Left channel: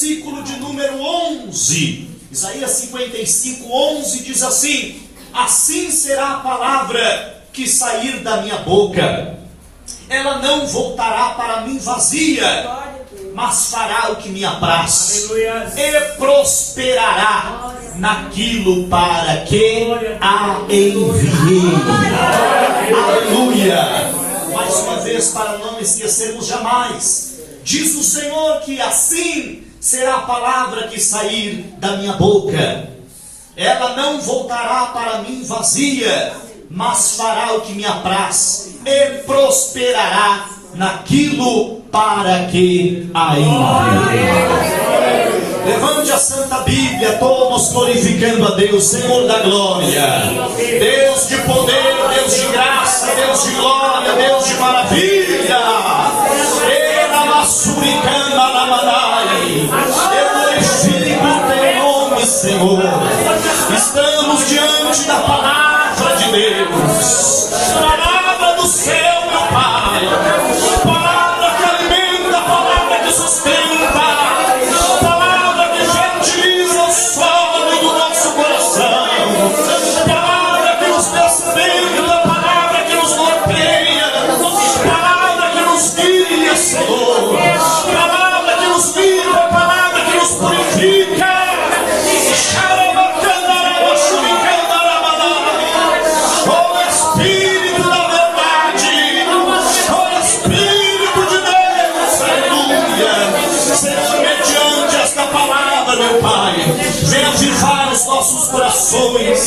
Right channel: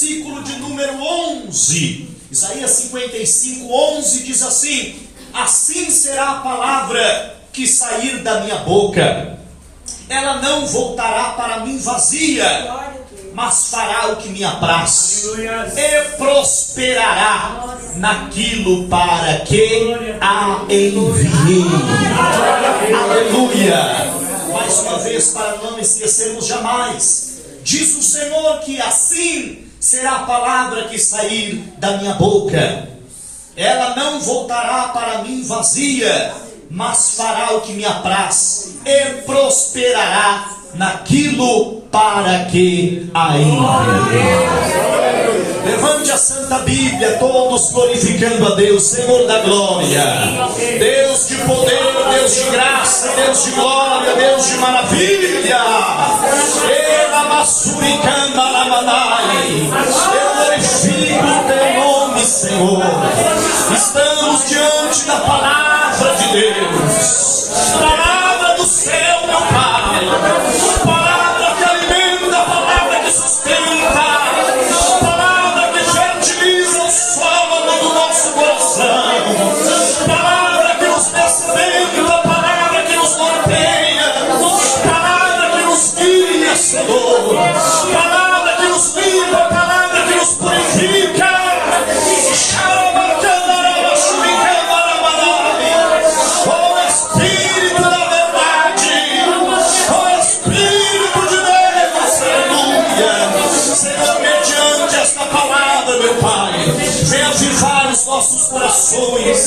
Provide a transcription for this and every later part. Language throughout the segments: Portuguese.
versículo de número 11. Isaías 55, 11 diz assim: assim será a palavra que sair da minha boca. Ela não voltará para mim vazia, mas fará o que me apraz, e prosperará naquilo para que a enviei. Aleluia! Mais uma vez, para não esquecermos jamais, diz o Senhor que assim será a palavra que sair da minha boca. Ela não voltará para mim vazia, mas fará o que me apraz, e prosperará naquilo para que a enviei. Levante a Santa Bíblia, todos glorificando a Deus, Senhor da glória, Deus de poder, Deus de graça, Deus de glória, Deus de maravilha. Eu glorifico o teu nome, Senhor. Estamos diante da palavra de Deus, palavra do céu, meu Pai, palavra que alimenta, palavra que sustenta, palavra que fertiliza o solo do nosso coração, palavra que nos desperta, palavra que nos norteia, palavra que nos guia, Senhor, palavra que nos guia, palavra que nos purifica. Nossos corações,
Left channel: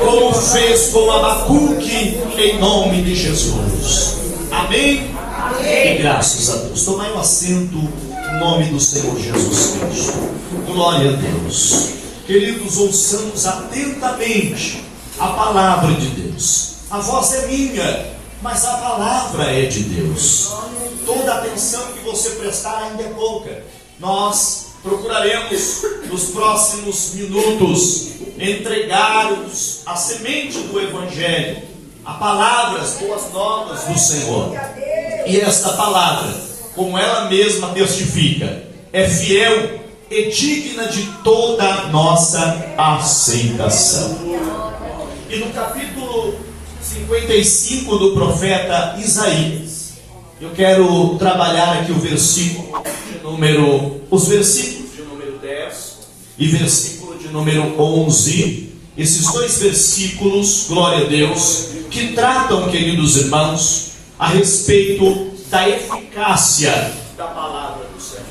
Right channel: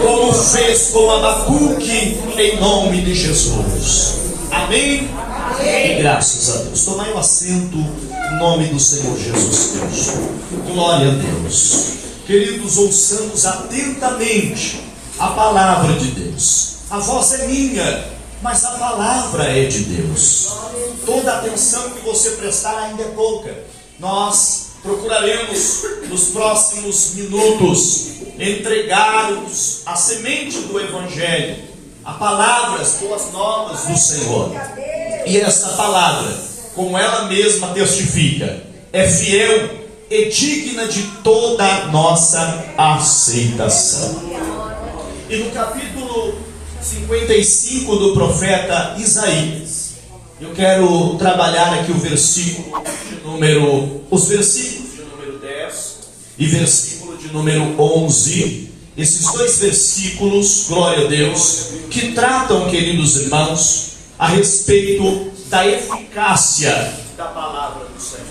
como fez com Abacuque, em nome de Jesus. Amém? Amém. E graças a Deus. Tomai um assento em nome do Senhor Jesus Cristo. Glória a Deus. Queridos, ouçamos atentamente a palavra de Deus. A voz é minha, mas a palavra é de Deus. Toda a atenção que você prestar ainda é pouca. Nós procuraremos nos próximos minutos entregar-vos a semente do Evangelho, a palavra, as boas novas do Senhor. E esta palavra, como ela mesma testifica, é fiel e digna de toda a nossa aceitação. E no capítulo 55 do profeta Isaías, eu quero trabalhar aqui os versículos de número 10 e versículo de número 11. Esses dois versículos, glória a Deus, que tratam, queridos irmãos, a respeito da eficácia da palavra do Senhor.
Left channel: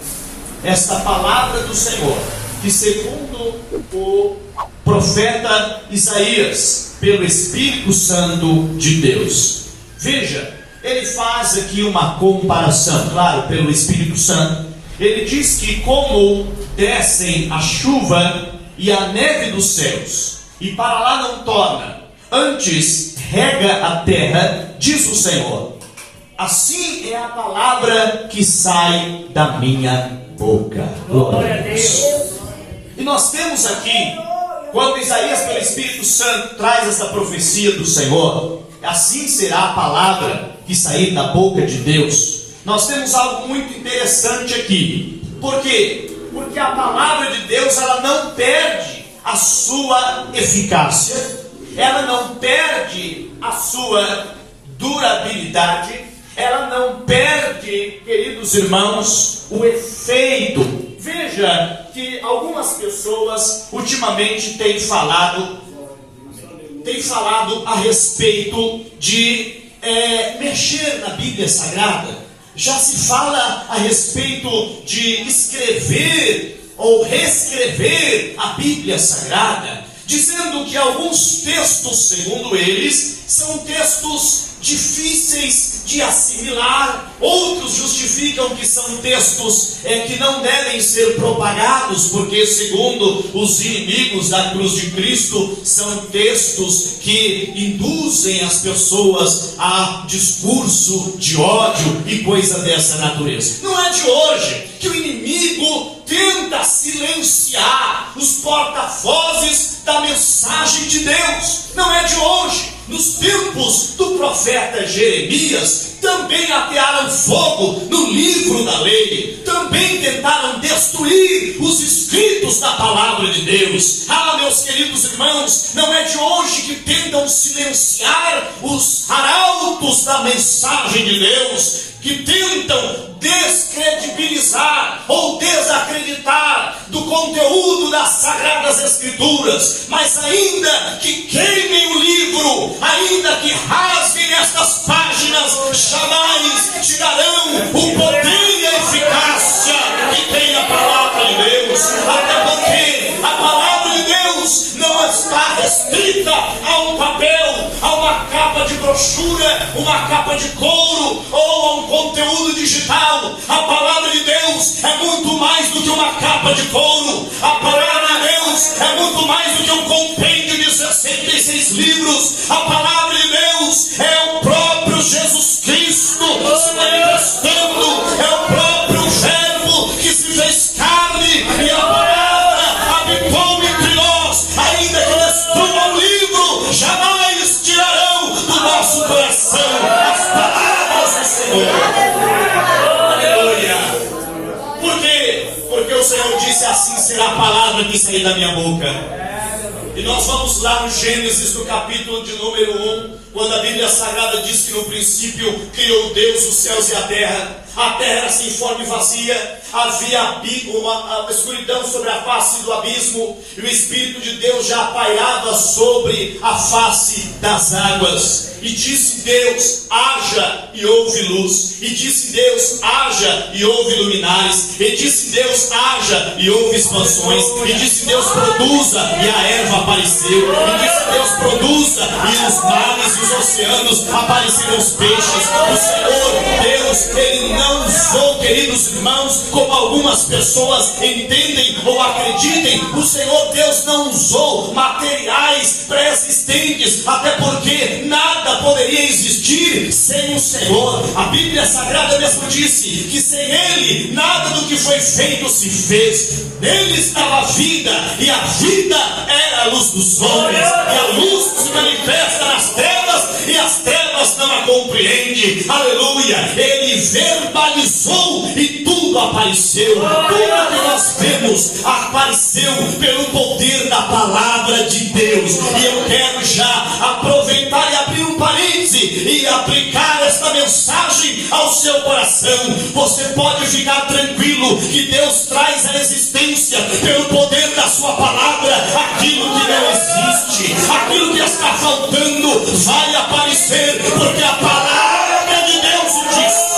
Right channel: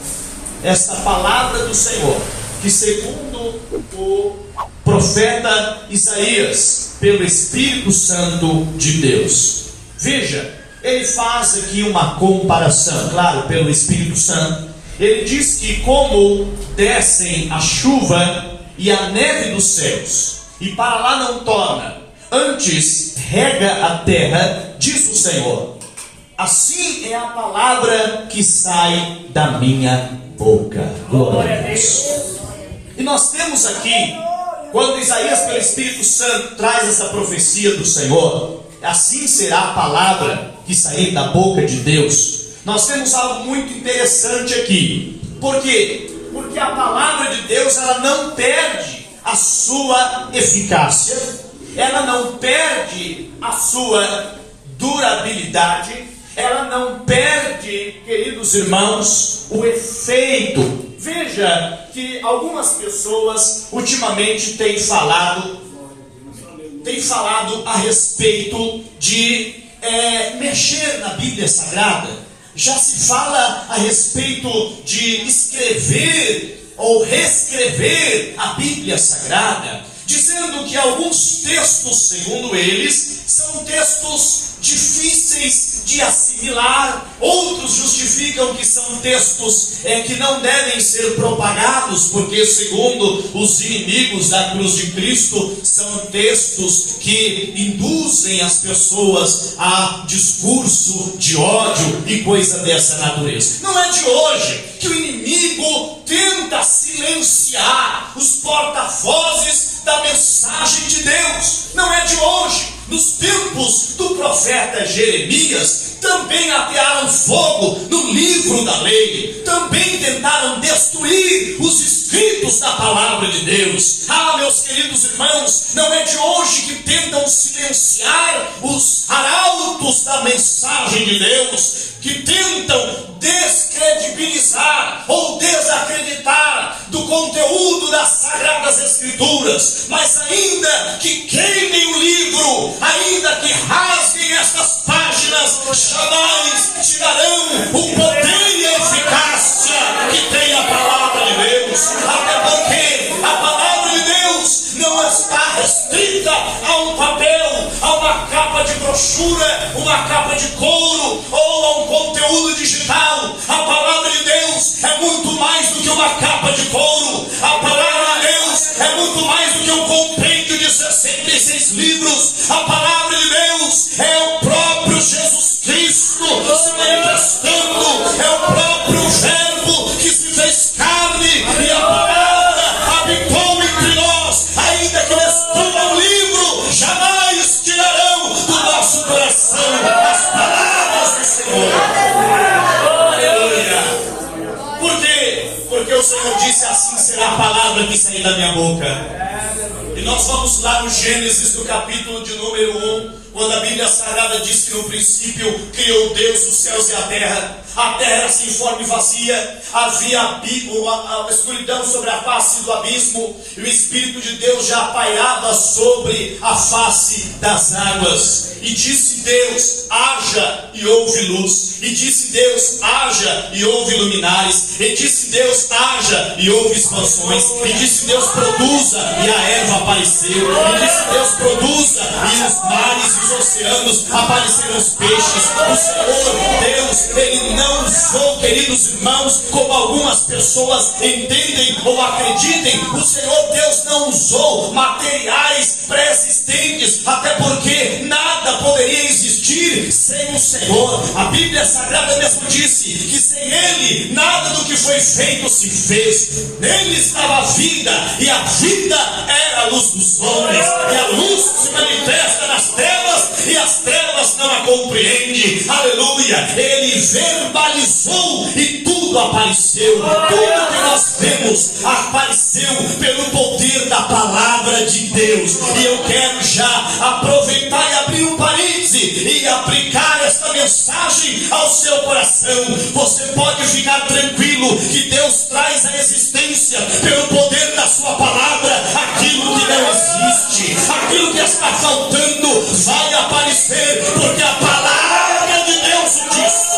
Esta palavra do Senhor, que segundo o profeta Isaías, pelo Espírito Santo de Deus. Veja, ele faz aqui uma comparação, claro, pelo Espírito Santo. Ele diz que como descem a chuva e a neve dos céus, e para lá não torna, antes rega a terra, diz o Senhor, assim é a palavra que sai da minha boca. Glória a Deus. E nós temos aqui, quando Isaías pelo Espírito Santo traz essa profecia do Senhor, assim será a palavra que sair da boca de Deus. Nós temos algo muito interessante aqui. Por quê? Porque a palavra de Deus, ela não perde a sua eficácia, ela não perde a sua durabilidade, ela não perde, queridos irmãos, o efeito. Veja que algumas pessoas ultimamente têm falado a respeito de mexer na Bíblia Sagrada. Já se fala a respeito de escrever ou reescrever a Bíblia Sagrada, dizendo que alguns textos, segundo eles, são textos difíceis de assimilar. Outros justificam que são textos que não devem ser propagados, porque segundo os inimigos da cruz de Cristo, são textos que induzem as pessoas a discurso de ódio e coisa dessa natureza. Não é de hoje que o inimigo tenta silenciar os porta-vozes da mensagem de Deus. Não é de hoje Nos tempos do profeta Jeremias, também atearam fogo no livro da lei, também tentaram destruir os escritos da palavra de Deus. Meus queridos irmãos, não é de hoje que tentam silenciar os arautos da mensagem de Deus, que tentam descredibilizar ou desacreditar do conteúdo das Sagradas Escrituras, mas ainda que queimem o livro, ainda que rasguem estas páginas, jamais tirarão o poder e a eficácia que tem a palavra de Deus, até porque a palavra de Deus não está restrita a um papel, a uma capa de brochura, uma capa de couro ou a um conteúdo digital. A palavra de Deus é muito mais do que uma capa de couro. A palavra de Deus é muito mais do que um compêndio de 66 livros. A palavra de Deus é o próprio Jesus Cristo se manifestando, é o próprio Verbo que se fez carne, e a palavra habitou entre nós. Ainda que destruam o livro, jamais tirarão do nosso coração as palavras do Senhor. Aleluia. Por quê? Porque o Senhor disse: assim será a palavra que sair da minha boca. E nós vamos lá no Gênesis, no capítulo de número 1, quando a Bíblia Sagrada diz que no princípio criou Deus os céus e a terra era sem forma e vazia, havia uma escuridão sobre a face do abismo, e o Espírito de Deus já pairava sobre a face das águas. E disse Deus: haja, e houve luz. E disse Deus: haja, e houve luminares. E disse Deus: haja, e houve expansões. E disse Deus: produza, e a erva apareceu. E disse Deus: produza, e os mares e os oceanos apareceram os peixes. O Senhor Deus, Ele não usou, queridos irmãos, como algumas pessoas entendem ou acreditem. O Senhor Deus não usou materiais pré-existentes, até porque nada poderia existir sem o Senhor. A Bíblia Sagrada mesmo disse que sem Ele nada do que foi feito se fez. Nele estava a vida, e a vida era a luz dos homens, e a luz se manifesta nas trevas, e as trevas não a compreendem. Aleluia. Ele verbalizou e tudo apareceu. Tudo que nós vemos apareceu pelo poder da palavra de Deus. E eu quero já aproveitar e abrir um parêntese e aplicar esta mensagem ao seu coração. Você pode ficar tranquilo que Deus traz à existência, pelo poder da sua palavra, aquilo que não existe, aquilo que está faltando vai aparecer, porque a palavra de Deus diz.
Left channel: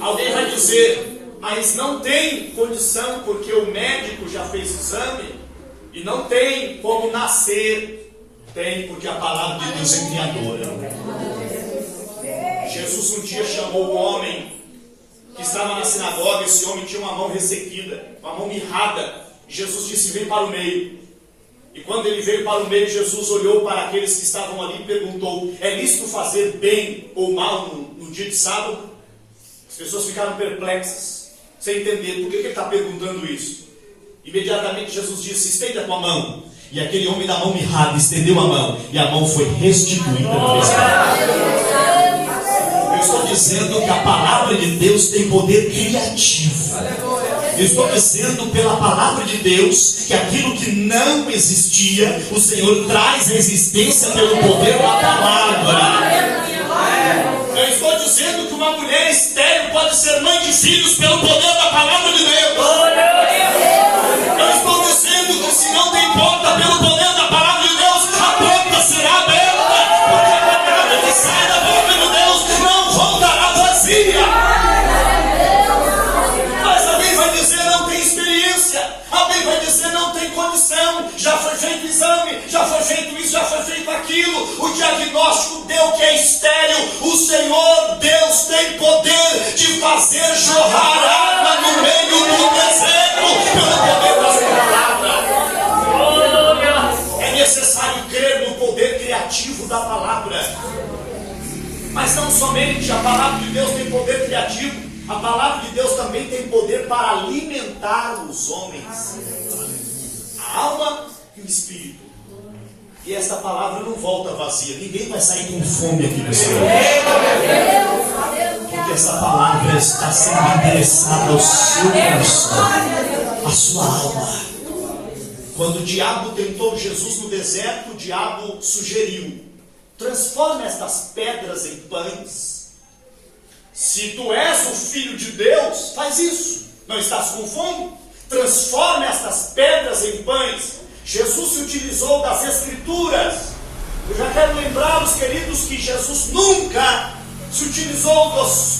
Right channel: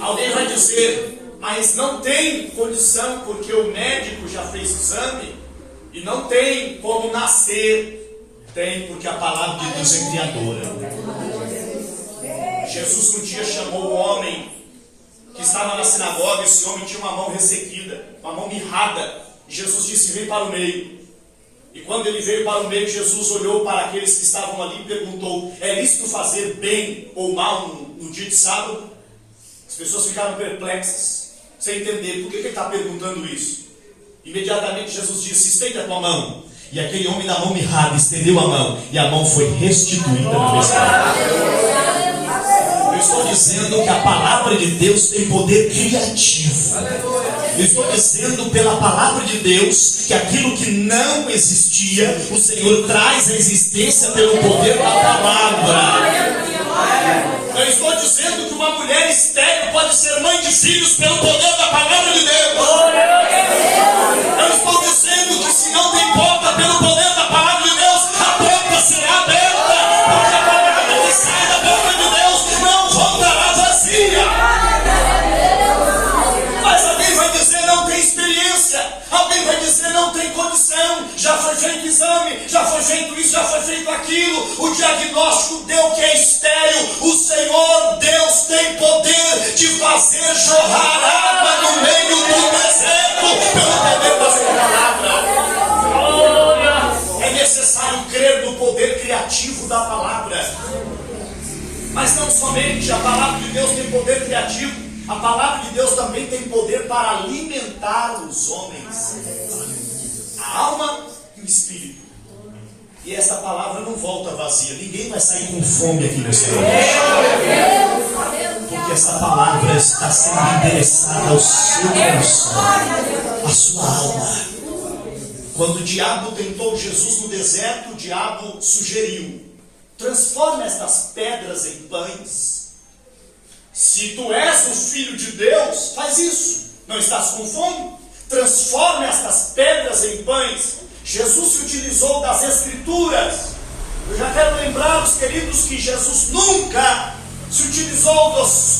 Alguém vai dizer: mas não tem condição, porque o médico já fez exame e não tem como nascer. Tem, porque a palavra de Deus é criadora. Jesus um dia chamou um homem que estava na sinagoga. Esse homem tinha uma mão ressequida, uma mão mirrada. Jesus disse: vem para o meio. E quando ele veio para o meio, Jesus olhou para aqueles que estavam ali e perguntou: é lícito fazer bem ou mal no dia de sábado? As pessoas ficaram perplexas, sem entender por que ele está perguntando isso. Imediatamente Jesus disse: estenda a tua mão. E aquele homem da mão mirrada estendeu a mão, e a mão foi restituída no estado. Eu estou dizendo que a palavra de Deus tem poder criativo. Eu estou dizendo pela palavra de Deus que aquilo que não existia, o Senhor traz à existência pelo poder da palavra. Eu estou dizendo que uma mulher estéril pode ser mãe de filhos pelo poder da palavra de Deus. Eu estou dizendo que se não tem porta, pelo poder da palavra de Deus, a porta será aberta, porque a palavra que sai da boca de Deus não voltará vazia. Mas alguém vai dizer: não tem experiência. Alguém vai dizer: não tem condição. Já foi feito exame, já foi feito isso, já foi feito aquilo. O diagnóstico deu que é estéril. O Senhor Deus tem poder de fazer jorrar água no meio do deserto pelo poder da sua palavra. É necessário crer no poder criativo da palavra. Mas não somente a palavra de Deus tem poder criativo, a palavra de Deus também tem poder para alimentar os homens, a alma e o espírito. E essa palavra não volta vazia. Ninguém vai sair com fome aqui nessa noite. Porque essa palavra está sendo endereçada ao seu coração, à sua alma. Quando o diabo tentou Jesus no deserto, o diabo sugeriu: transforma estas pedras em pães. Se tu és o Filho de Deus, faz isso. Não estás com fome? Transforma estas pedras em pães. Jesus se utilizou das Escrituras. Eu já quero lembrar os queridos que Jesus nunca se utilizou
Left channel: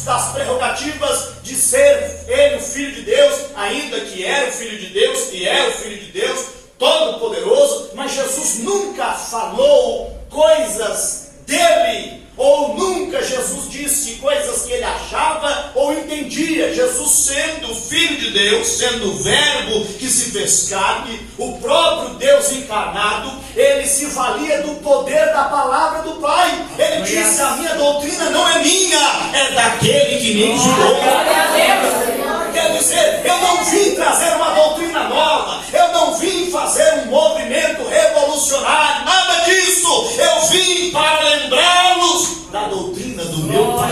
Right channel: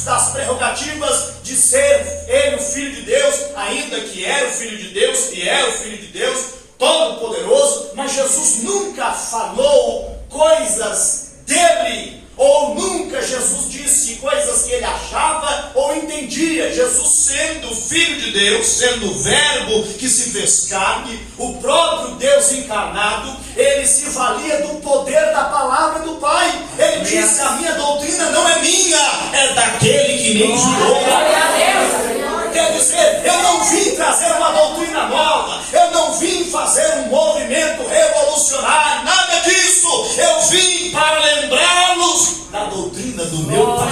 das prerrogativas de ser ele o Filho de Deus, ainda que era o Filho de Deus e é o Filho de Deus Todo-Poderoso, mas Jesus nunca falou coisas dele, ou nunca Jesus disse coisas que ele achava ou entendia. Jesus, sendo Filho de Deus, sendo o Verbo que se fez carne, o próprio Deus encarnado, ele se valia do poder da palavra do Pai. Ele disse: a minha doutrina não é minha, é daquele que me enviou. Quer dizer, eu não vim trazer uma doutrina nova, eu não vim fazer um movimento revolucionário, nada disso. Eu vim para lembrá-los da doutrina do meu Pai.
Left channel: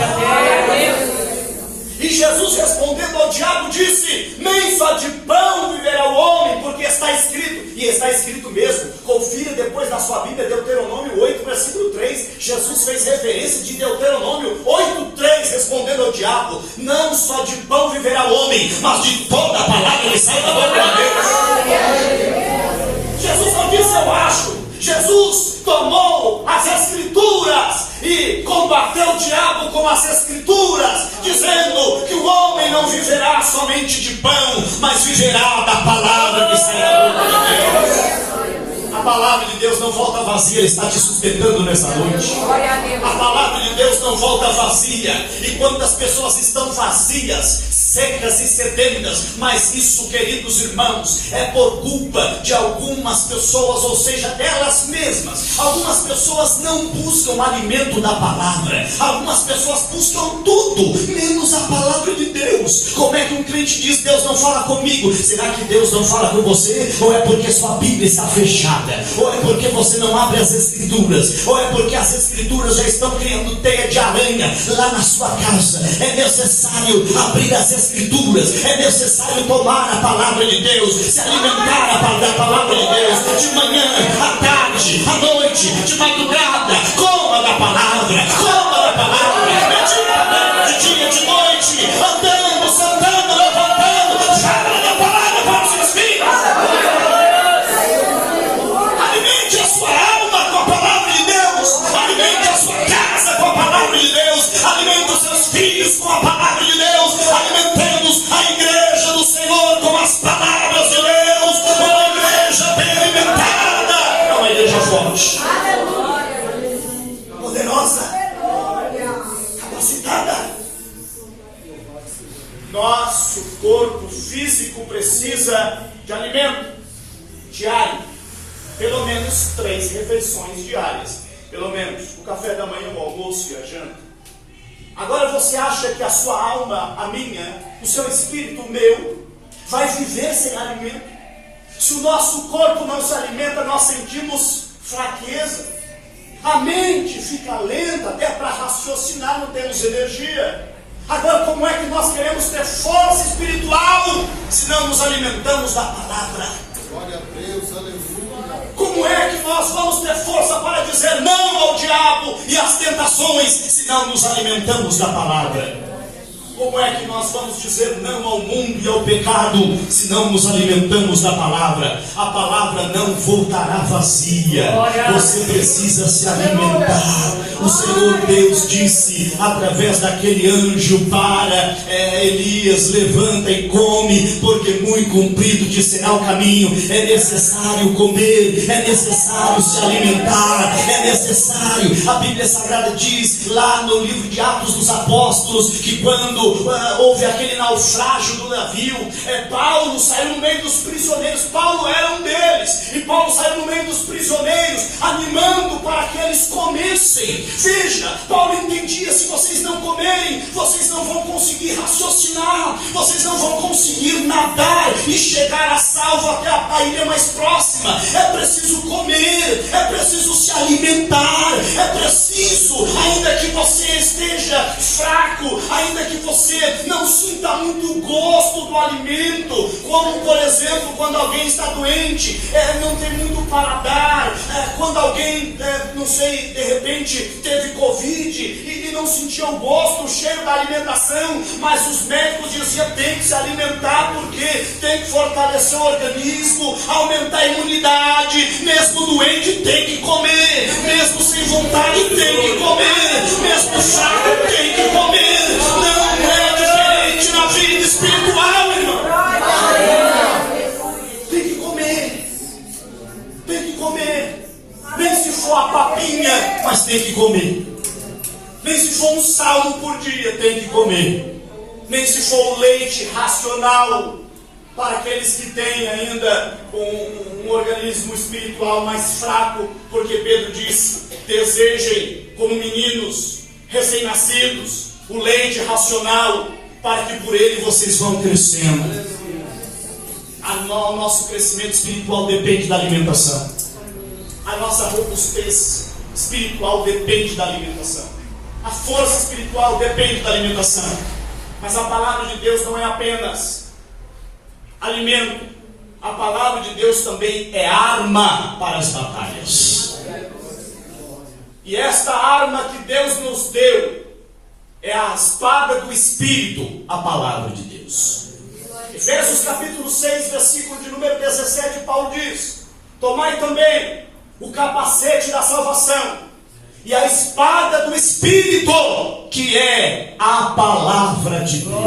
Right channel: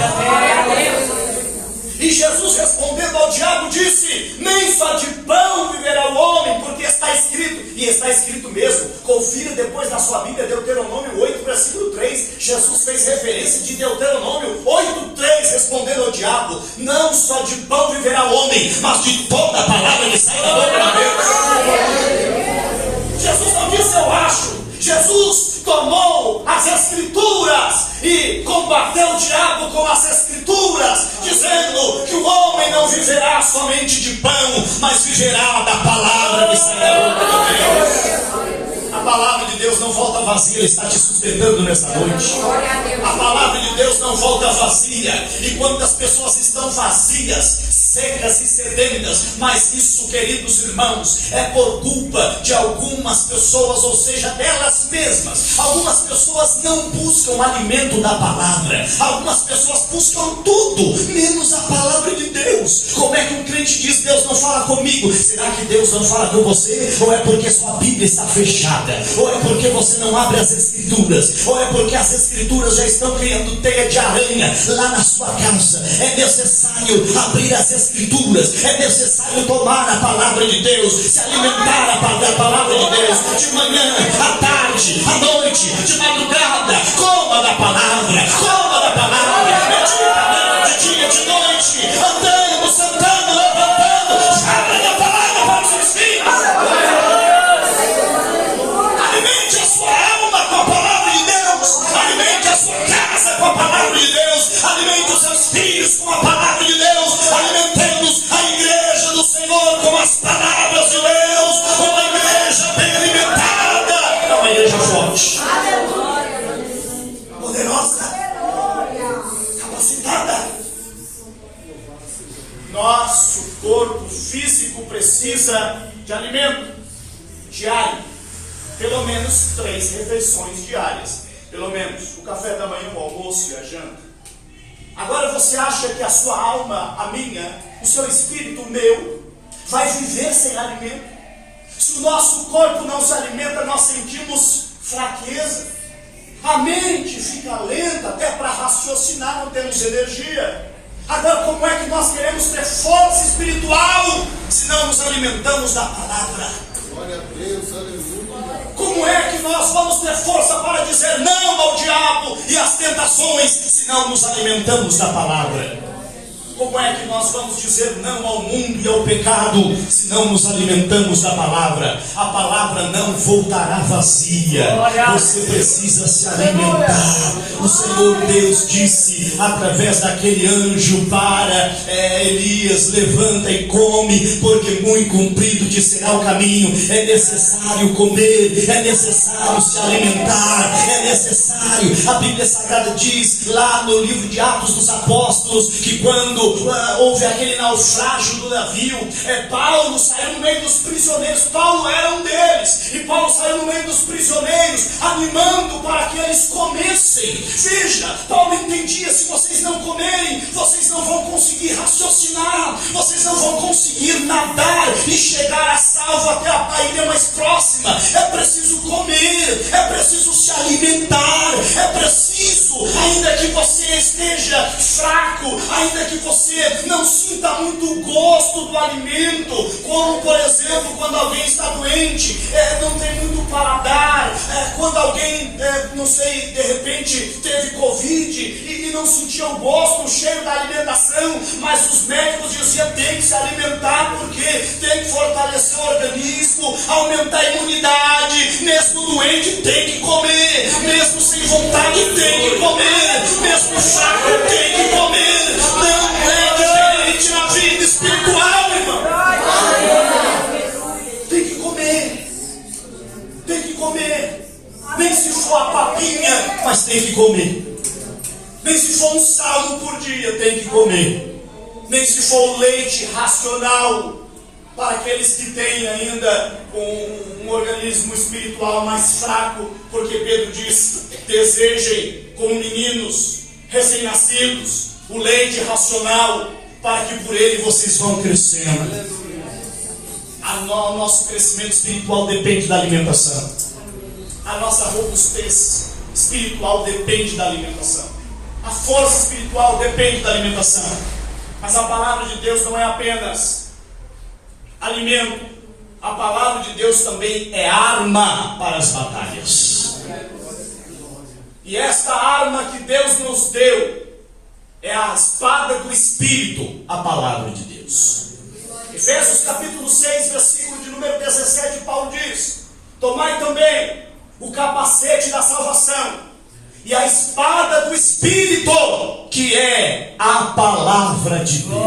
E Jesus, respondendo ao diabo, disse: nem só de pão viverá o homem, porque está escrito, e está escrito mesmo. Confira depois na sua Bíblia, Deuteronômio 8, versículo 3. Jesus fez referência de Deuteronômio 8:3, respondendo ao diabo: não só de pão viverá o homem, mas de toda a palavra que sai da boca de Deus. Jesus não disse eu acho. Jesus tomou as Escrituras e combateu o diabo com as Escrituras, dizendo que o homem não viverá somente de pão, mas viverá da palavra que sai da boca de Deus. A palavra de Deus não volta vazia, está te sustentando nessa noite. A palavra de Deus não volta vazia. E quantas pessoas estão vazias, secas e sedentas, mas isso, queridos irmãos, é por culpa de algumas pessoas, ou seja, delas mesmas. Algumas pessoas não buscam alimento da palavra, algumas pessoas buscam tudo, menos a palavra de Deus. Como é que um crente diz: Deus não fala comigo? Será que Deus não fala com você? Ou é porque sua Bíblia está fechada? Ou é porque você não abre as Escrituras? Ou é porque as Escrituras já estão criando teia de aranha lá na sua casa? É necessário abrir as Escrituras, é necessário tomar a palavra de Deus, se alimentar da palavra de Deus, de manhã, à tarde, à noite, de madrugada. Coma da palavra, coma da palavra, medita de dia, de noite, andando, sentando, levantando, fala da palavra para os seus filhos. Alimente a sua alma com a palavra de Deus, alimente a sua casa com a palavra de Deus, alimente os seus filhos com a palavra de Deus. Alimentemos a igreja do Senhor com as palavras de Deus, uma igreja bem alimentada, é uma igreja forte, poderosa, capacitada. Nosso corpo físico precisa de alimento diário, pelo menos 3 refeições diárias, pelo menos o café da manhã, o almoço e a janta. Agora você acha que a sua alma, a minha, o seu espírito, o meu, vai viver sem alimento? Se o nosso corpo não se alimenta, nós sentimos fraqueza. A mente fica lenta, até para raciocinar não temos energia. Agora, como é que nós queremos ter força espiritual se não nos alimentamos da palavra? Glória a Deus, aleluia. Como é que nós vamos ter força para dizer não ao diabo e às tentações se não nos alimentamos da palavra? Como é que nós vamos dizer não ao mundo e ao pecado se não nos alimentamos da palavra? A palavra não voltará vazia. Você precisa se alimentar. O Senhor Deus disse através daquele anjo para Elias: levanta e come, porque muito comprido te será o caminho. É necessário comer, é necessário se alimentar, é necessário. A Bíblia Sagrada diz lá no livro de Atos dos Apóstolos que quando quando houve aquele naufrágio do navio, Paulo saiu no meio dos prisioneiros. Paulo era um deles, e Paulo saiu no meio dos prisioneiros, animando para que eles comessem. Veja, Paulo entendia: se vocês não comerem, vocês não vão conseguir raciocinar, vocês não vão conseguir nadar e chegar a salvo até a ilha mais próxima. É preciso comer, é preciso se alimentar, é preciso, ainda que você esteja fraco, ainda que você não sinta muito gosto do alimento, como por exemplo quando alguém está doente, não tem muito para dar, quando alguém, não sei, de repente teve Covid e não sentia o gosto, o cheiro da alimentação, mas os médicos diziam: tem que se alimentar porque tem que fortalecer o organismo, aumentar a imunidade. Mesmo doente tem que comer, mesmo sem vontade tem que comer, mesmo fraco tem que comer. Não é diferente na vida espiritual, irmão. Tem que comer, tem que comer. Nem se for a papinha, mas tem que comer. Nem se for um salmo por dia, tem que comer. Nem se for o leite racional, para aqueles que têm ainda um organismo espiritual mais fraco, porque Pedro diz: desejem como meninos recém-nascidos o leite racional, para que por ele vocês vão crescendo. O nosso crescimento espiritual depende da alimentação. A nossa robustez espiritual depende da alimentação. A força espiritual depende da alimentação. Mas a palavra de Deus não é apenas alimento. A palavra de Deus também é arma para as batalhas. E esta arma que Deus nos deu é a espada do Espírito, a palavra de Deus. Efésios capítulo 6, versículo de número 17, Paulo diz: tomai também o capacete da salvação e a espada do Espírito, que é a palavra de Deus.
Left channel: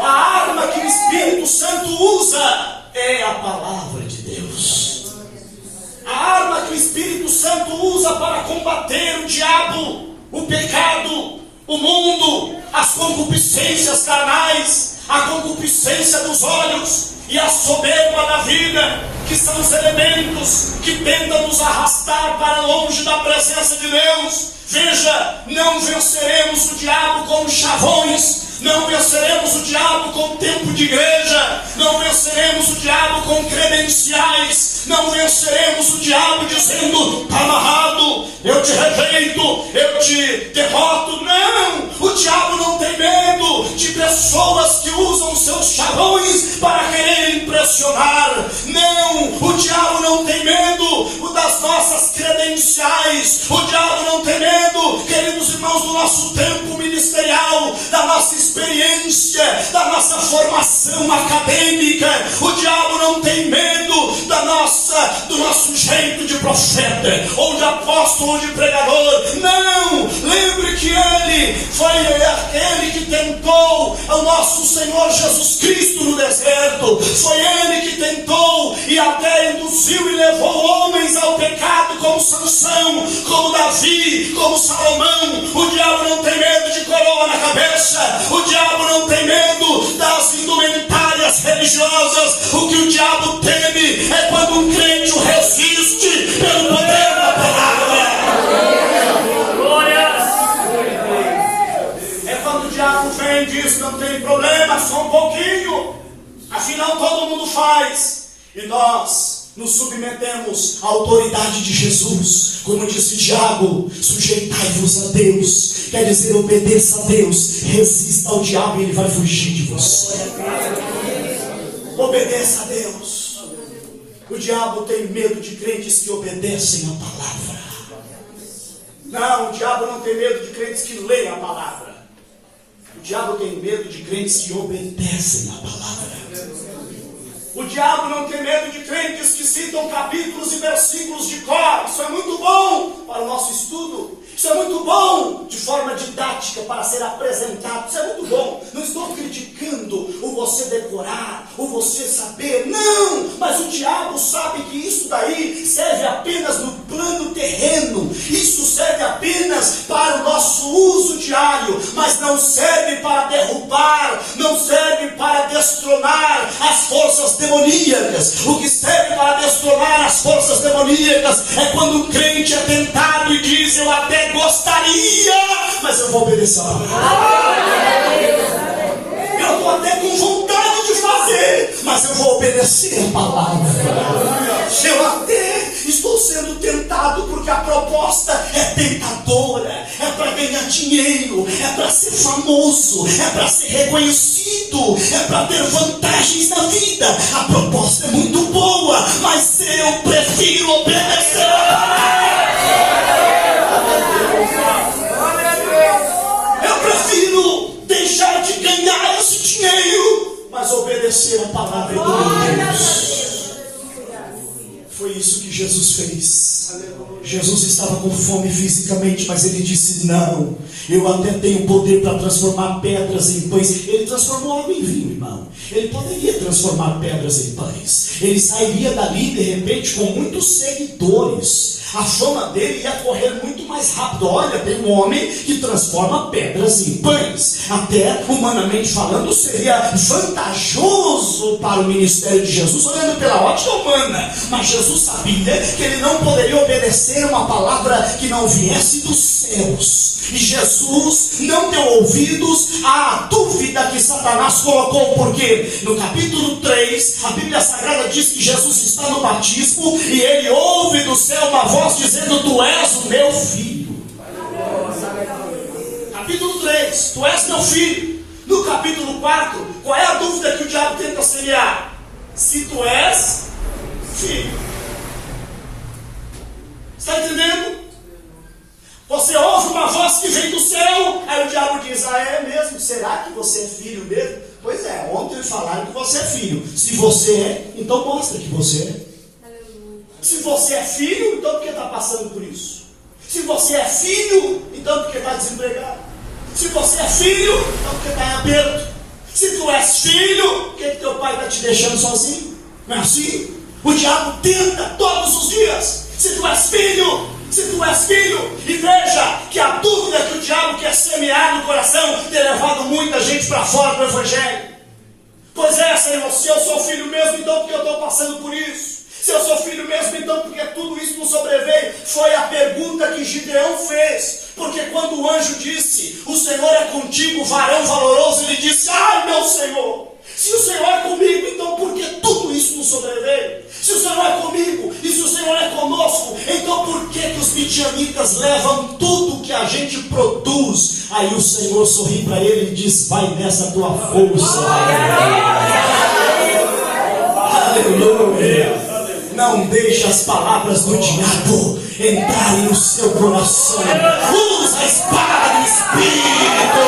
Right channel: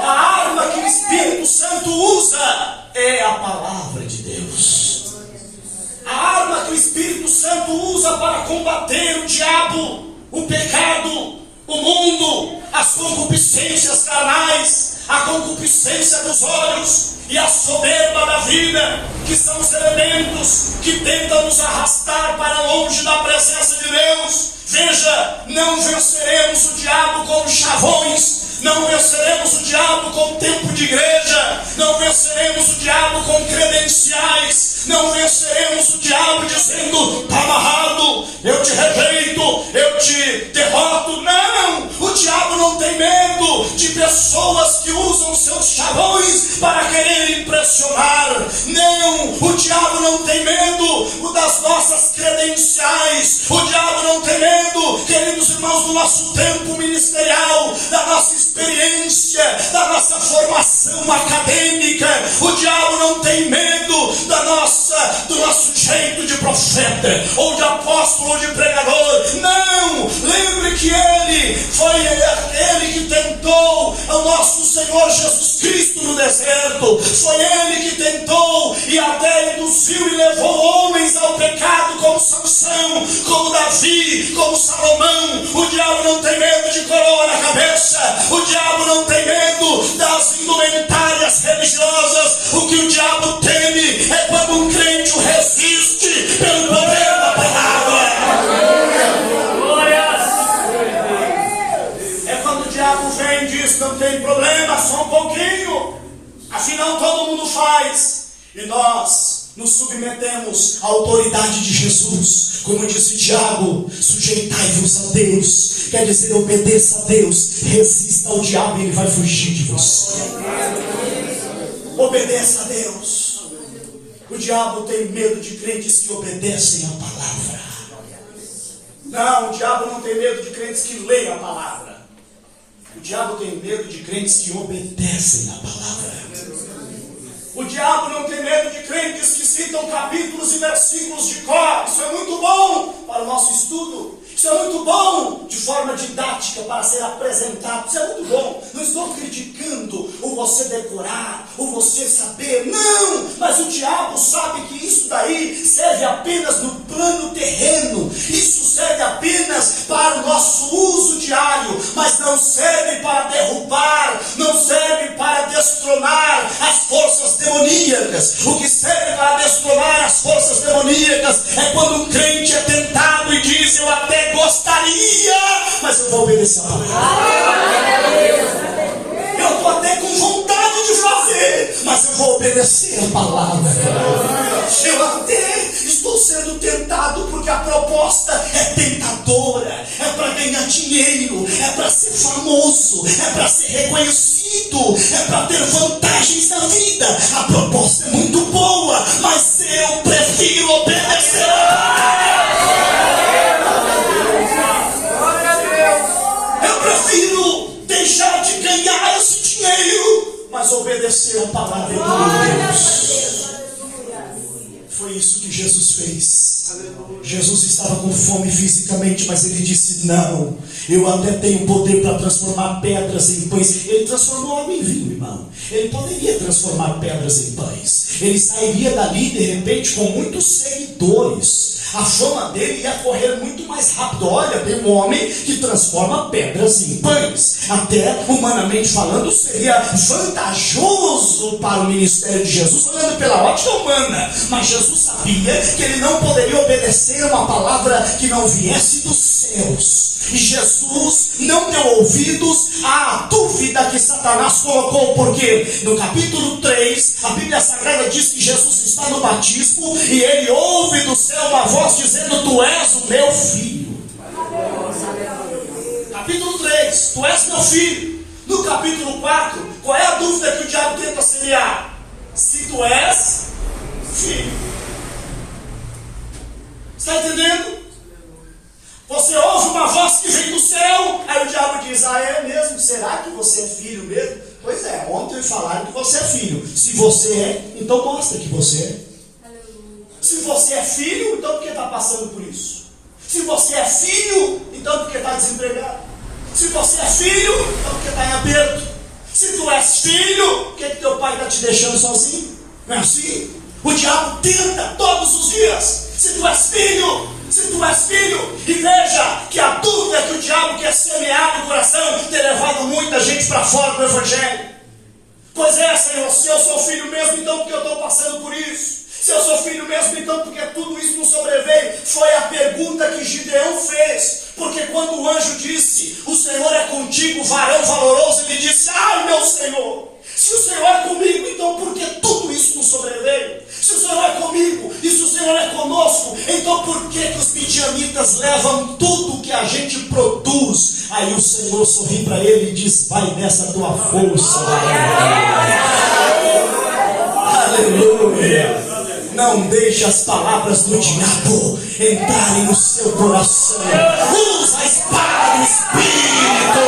A arma que o Espírito Santo usa é a palavra de Deus. A arma que o Espírito Santo usa para combater o diabo, o pecado, o mundo, as concupiscências carnais, a concupiscência dos olhos e a soberba da vida, que são os elementos que tentam nos arrastar para longe da presença de Deus. Veja, não venceremos o diabo com chavões, não venceremos o diabo com tempo de igreja, não venceremos o diabo com credenciais, não venceremos o diabo dizendo: está amarrado, eu te rejeito, eu te derroto. Não, o diabo não tem medo de pessoas que usam seus chavões para querer impressionar. Não, o diabo não tem medo das nossas credenciais, o diabo não tem medo, queridos irmãos, do nosso tempo ministerial, da nossa experiência, da nossa formação acadêmica. O diabo não tem medo do nosso jeito de profeta, ou de apóstolo, ou de pregador. Não, lembre que ele foi ele que tentou o nosso Senhor Jesus Cristo no deserto. Foi ele que tentou e até induziu e levou homens ao pecado, como Sansão, como Davi, como Salomão. O diabo não tem medo de coroa na cabeça, o diabo não tem medo das indumentárias religiosas. O que o diabo teme é quando um crente o resiste pelo poder da palavra. É quando o diabo vem e diz: não tem problema, só um pouquinho, afinal todo mundo faz. E nós nos submetemos à autoridade de Jesus. Como disse Tiago: sujeitai-vos a Deus. Quer dizer, obedeça a Deus, resista ao diabo e ele vai fugir de você. Obedeça a Deus. O diabo tem medo de crentes que obedecem a palavra. Não, o diabo não tem medo de crentes que leem a palavra. O diabo tem medo de crentes que obedecem a palavra. O diabo não tem medo de crentes que citam capítulos e versículos de cor. Isso é muito bom para o nosso estudo. Isso é muito bom de forma didática para ser apresentado. Isso é muito bom. Não estou criticando o você decorar, o você saber. Não! Mas o diabo sabe que isso daí serve apenas no plano terreno. Isso serve apenas para o nosso uso diário, mas não serve para derrubar, não serve para destronar as forças demoníacas. O que serve para destronar as forças demoníacas é quando o crente é tentado e diz: eu até gostaria, mas eu vou obedecer a palavra. Eu estou até com vontade de fazer, mas eu vou obedecer a palavra. Eu até estou sendo tentado porque a proposta é tentadora, é para ganhar dinheiro, é para ser famoso, é para ser reconhecido, é para ter vantagens na vida. A proposta é muito boa, mas eu prefiro obedecer. Eu prefiro deixar de ganhar esse dinheiro, mas obedecer a palavra de Deus. Foi isso que Jesus fez. Jesus estava com fome fisicamente, mas ele disse: não, eu até tenho poder para transformar pedras em pães. Ele transformou água em vinho, irmão. Ele poderia transformar pedras em pães. Ele sairia dali de repente com muitos seguidores. A fama dele ia correr muito mais rápido. Olha, tem um homem que transforma pedras em pães. Até humanamente falando, seria vantajoso para o ministério de Jesus, olhando pela ótica humana. Mas Jesus sabia que ele não poderia obedecer uma palavra que não viesse dos céus. E Jesus não deu ouvidos à dúvida que Satanás colocou, porque no capítulo 3, a Bíblia Sagrada diz que Jesus está no batismo e ele ouve do céu uma voz dizendo: tu és o meu filho. Capítulo 3, tu és meu filho. No capítulo 4, qual é a dúvida que o diabo tenta semear? Se tu és filho. Está entendendo? Você ouve uma voz que vem do céu, aí o diabo diz: ah, é mesmo? Será que você é filho mesmo? Pois é, ontem falaram que você é filho. Se você é, então mostra que você é. Se você é filho, então por que está passando por isso? Se você é filho, então por que está desempregado? Se você é filho, então por que está em aperto? Se tu és filho, por que teu pai está te deixando sozinho? Não é assim? O diabo tenta todos os dias. Se tu és filho, e veja que a dúvida que o diabo quer semear no coração tem levado muita gente para fora do evangelho. Pois é, Senhor, se eu sou filho mesmo, então por que eu estou passando por isso? Se eu sou filho mesmo, então por que tudo isso não sobreveio? Foi a pergunta que Gideão fez. Porque quando o anjo disse: o Senhor é contigo, varão valoroso, ele disse: ai, meu Senhor, se o Senhor é comigo, então por que tudo isso não sobreveio? Se o Senhor é comigo e se o Senhor é conosco, então por que os midianitas levam tudo que a gente produz? Aí o Senhor sorri para ele e diz: vai nessa tua força. Aleluia. Não deixe as palavras do diabo entrarem no seu coração. Usa a espada do Espírito.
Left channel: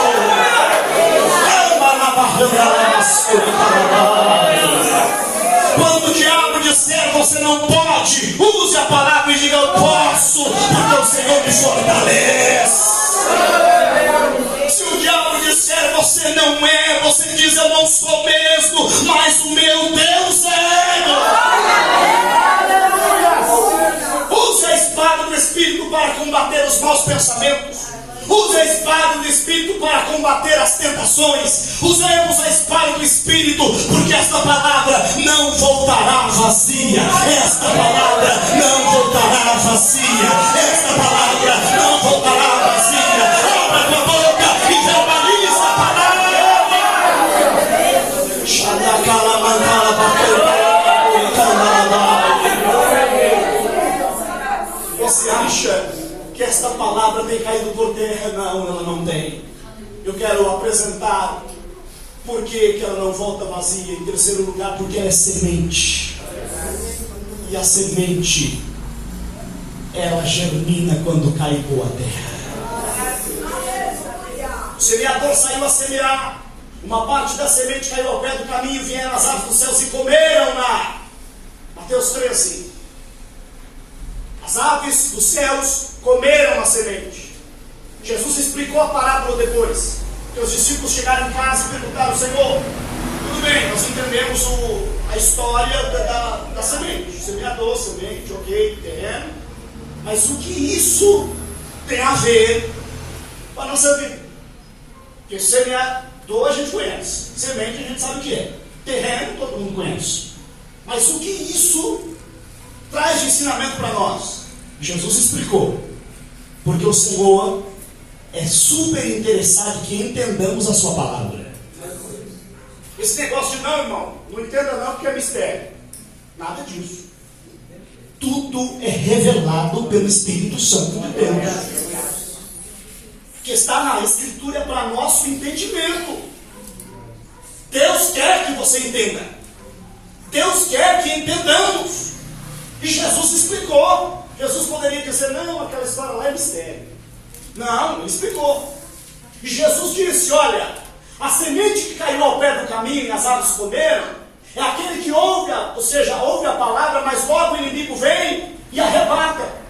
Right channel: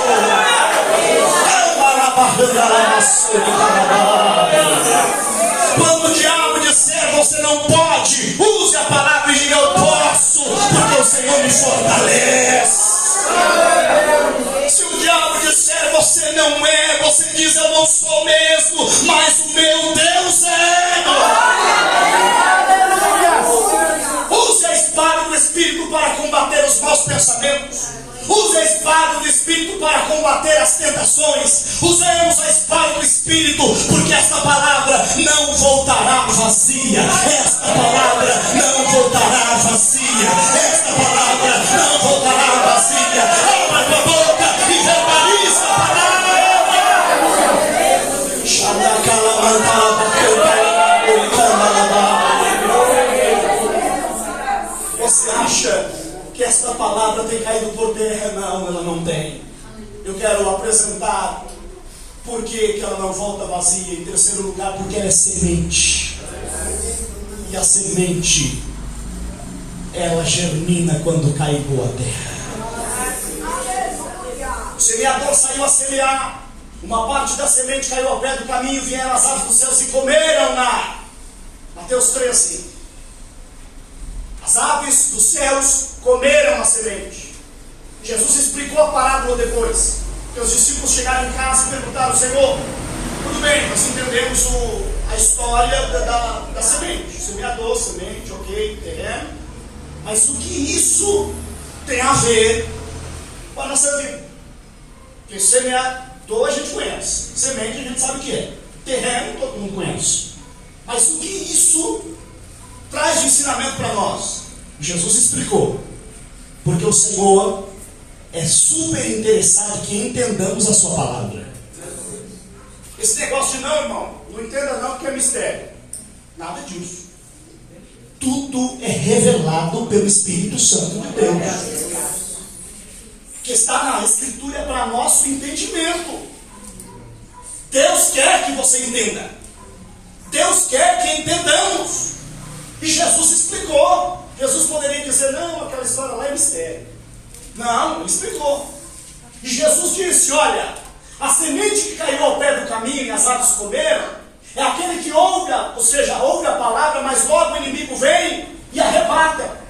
Quando o diabo disser você não pode, use a palavra e diga: eu posso, porque o Senhor me fortalece. Se o diabo disser você não é, você diz: eu não sou mesmo, mas o meu Deus é. Use a espada do Espírito para combater os maus pensamentos. Use a espada do Espírito para combater as tentações. Usemos a espada do Espírito, porque esta palavra não voltará vazia. Esta palavra não voltará vazia. Esta palavra não voltará vazia. Abra tua boca e verbaliza a palavra. Você acha que esta palavra tem caído por terra? Não, ela não tem. Eu quero apresentar por que ela não volta vazia. Em terceiro lugar, porque ela é semente. E a semente, ela germina quando cai em boa terra. O semeador saiu a semear. Uma parte da semente caiu ao pé do caminho, vieram as aves dos céus e comeram-na. Mateus 13. As aves dos céus comeram a semente. Jesus explicou a parábola depois. Que os discípulos chegaram em casa e perguntaram: Senhor, tudo bem, nós entendemos a história da semente. Semeador, semente, ok, terreno. Mas o que isso tem a ver com a nossa vida. Porque semeador a gente conhece, semente a gente sabe o que é, terreno todo mundo conhece. Mas o que isso traz de ensinamento para nós? Jesus explicou. Porque o Senhor é super interessado que entendamos a sua palavra. Esse negócio de não, irmão, não entenda não porque é mistério. Nada disso. Tudo é revelado pelo Espírito Santo de Deus. Que está na Escritura para nosso entendimento. Deus quer que você entenda. Deus quer que entendamos. E Jesus explicou. Jesus poderia dizer, não, aquela história lá é mistério. Não, ele explicou. E Jesus disse, olha, a semente que caiu ao pé do caminho e as aves comeram, é aquele que ouve, ou seja, ouve a palavra, mas logo o inimigo vem e arrebata.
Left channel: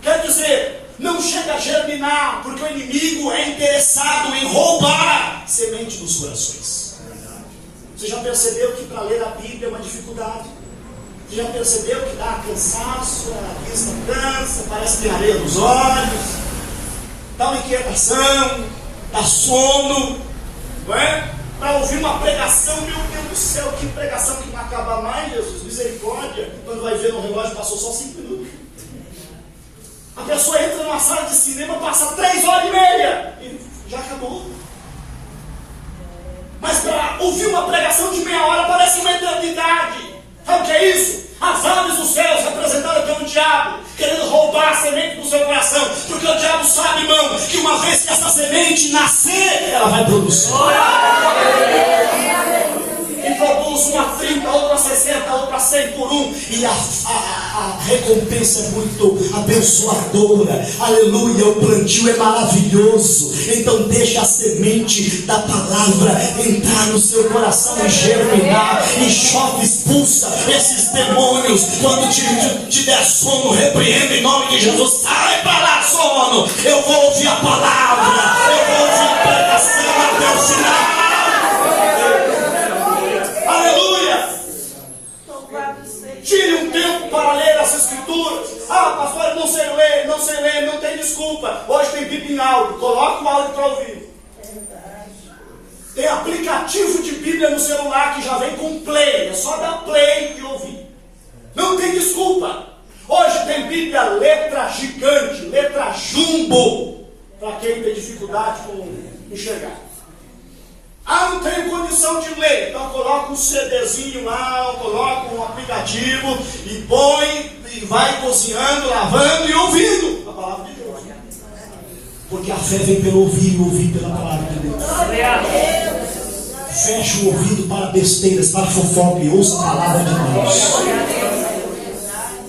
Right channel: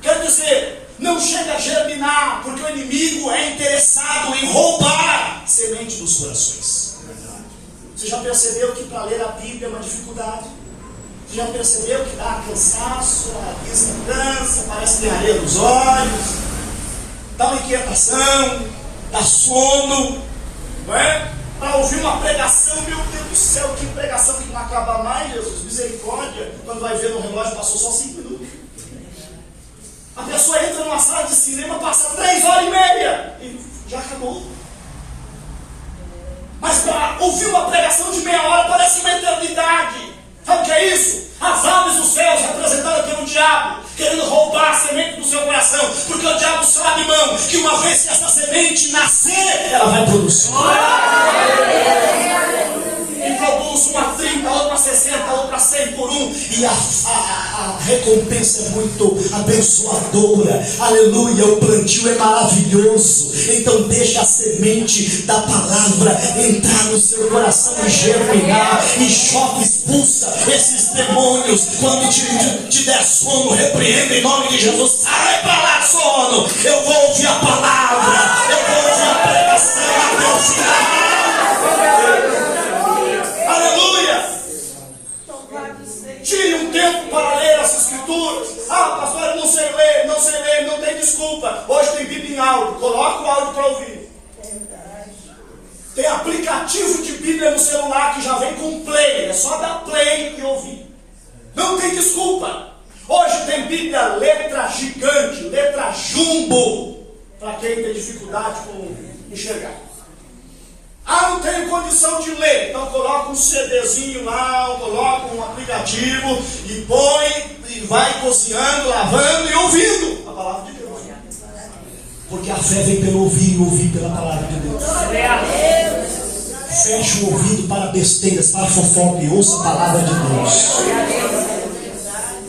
Quer dizer, não chega a germinar, porque o inimigo é interessado em roubar semente dos corações. Você já percebeu que para ler a Bíblia é uma dificuldade? Você já percebeu que dá cansaço, a vista cansa, parece que tem areia nos olhos, dá uma inquietação, dá sono, não é? Para ouvir uma pregação, meu Deus do céu, que pregação que não acaba mais, Jesus, misericórdia, quando vai ver no relógio passou só 5 minutos. A pessoa entra numa sala de cinema, passa 3 horas e meia e já acabou. Mas para ouvir uma pregação de meia hora parece uma eternidade. Sabe o que é isso? As aves dos céus representadas pelo diabo, querendo roubar a semente do seu coração, porque o diabo sabe, irmão, que uma vez que essa semente nascer, ela vai produzir. E produz uma 30, outra 60, outra 100 por um, e a recompensa é muito abençoadora. Aleluia, o plantio é maravilhoso. Então deixa a semente da palavra entrar no seu coração e germinar, e choque, expulsa esses demônios. Quando te der sono, repreenda em nome de Jesus. Sai para lá, sono. Eu vou ouvir a palavra, eu vou ouvir a pregação até o final. Aleluia! Tire um tempo para ler as Escrituras. Ah, pastor, eu não sei ler, não tem desculpa. Hoje tem Bíblia em áudio, coloca o áudio para ouvir. Tem aplicativo de Bíblia no celular que já vem com play, é só dar play e ouvir. Não tem desculpa. Hoje tem Bíblia letra gigante, letra jumbo, para quem tem dificuldade com enxergar. Ah, não tenho condição de ler. Então coloca um CDzinho lá, coloca um aplicativo e põe e vai cozinhando, lavando e ouvindo a palavra de Deus. Porque a fé vem pelo ouvir e ouvir pela palavra de Deus. Feche o ouvido para besteiras, para fofoca e ouça a palavra de Deus.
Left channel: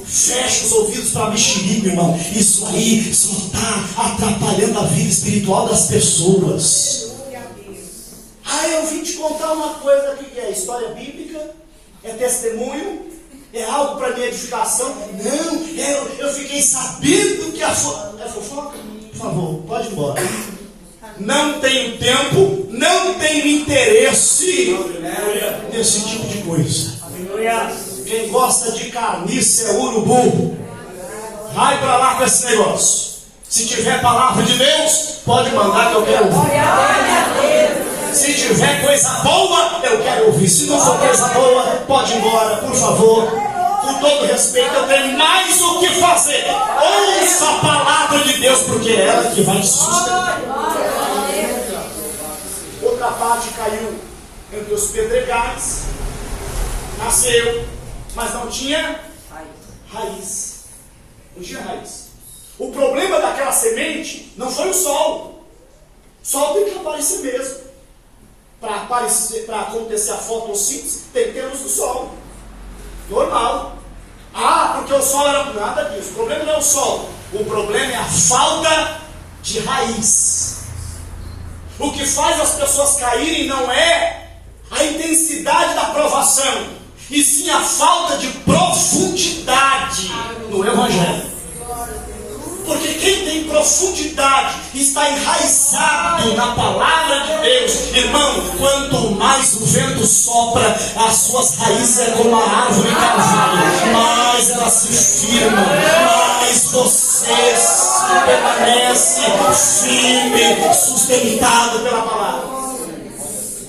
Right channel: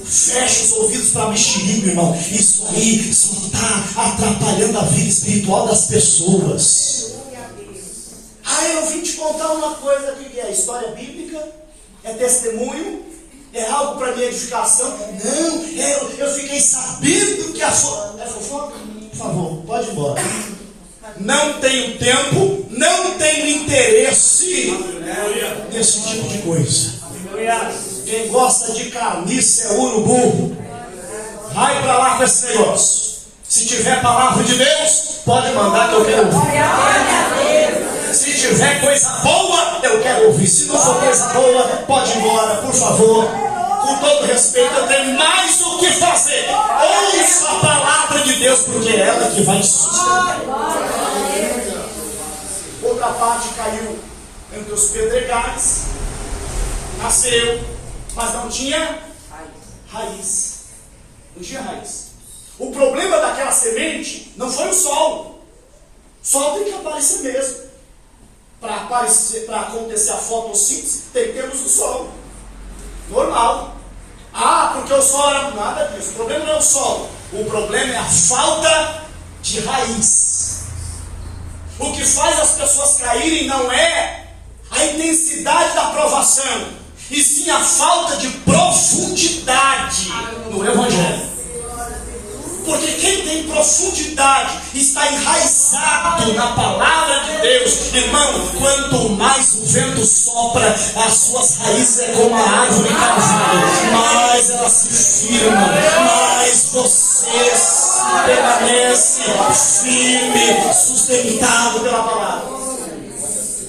Feche os ouvidos para mexerico, irmão. Isso aí só está atrapalhando a vida espiritual das pessoas. Ah, eu vim te contar uma coisa aqui que é história bíblica, é testemunho, é algo para minha edificação. Não, eu fiquei sabendo que a é fofoca? Por favor, pode ir embora. Não tenho tempo, não tenho interesse nesse tipo de coisa. Quem gosta de carniça é urubu. Vai para lá com esse negócio. Se tiver palavra de Deus, pode mandar que eu quero ouvir. Se tiver coisa boa, eu quero ouvir. Se não for coisa boa, pode ir embora, por favor. Com todo respeito, eu tenho mais o que fazer. Ouça a palavra de Deus, porque é ela que vai te sustentar. Outra parte caiu entre os pedregais, nasceu, mas não tinha raiz. Não tinha raiz. O problema daquela semente não foi o sol. O sol tem que aparecer mesmo. Para acontecer a fotossíntese, tem que ter luz do sol. Normal. Ah, porque o sol era nada disso. O problema não é o sol. O problema é a falta de raiz. O que faz as pessoas caírem não é a intensidade da provação, e sim a falta de profundidade no Evangelho. Porque quem tem profundidade está enraizado na palavra de Deus. Irmão, quanto mais o vento sopra, as suas raízes é como a árvore carvalho, mais ela se firma, mais você permanece permanece firme, sustentado pela palavra.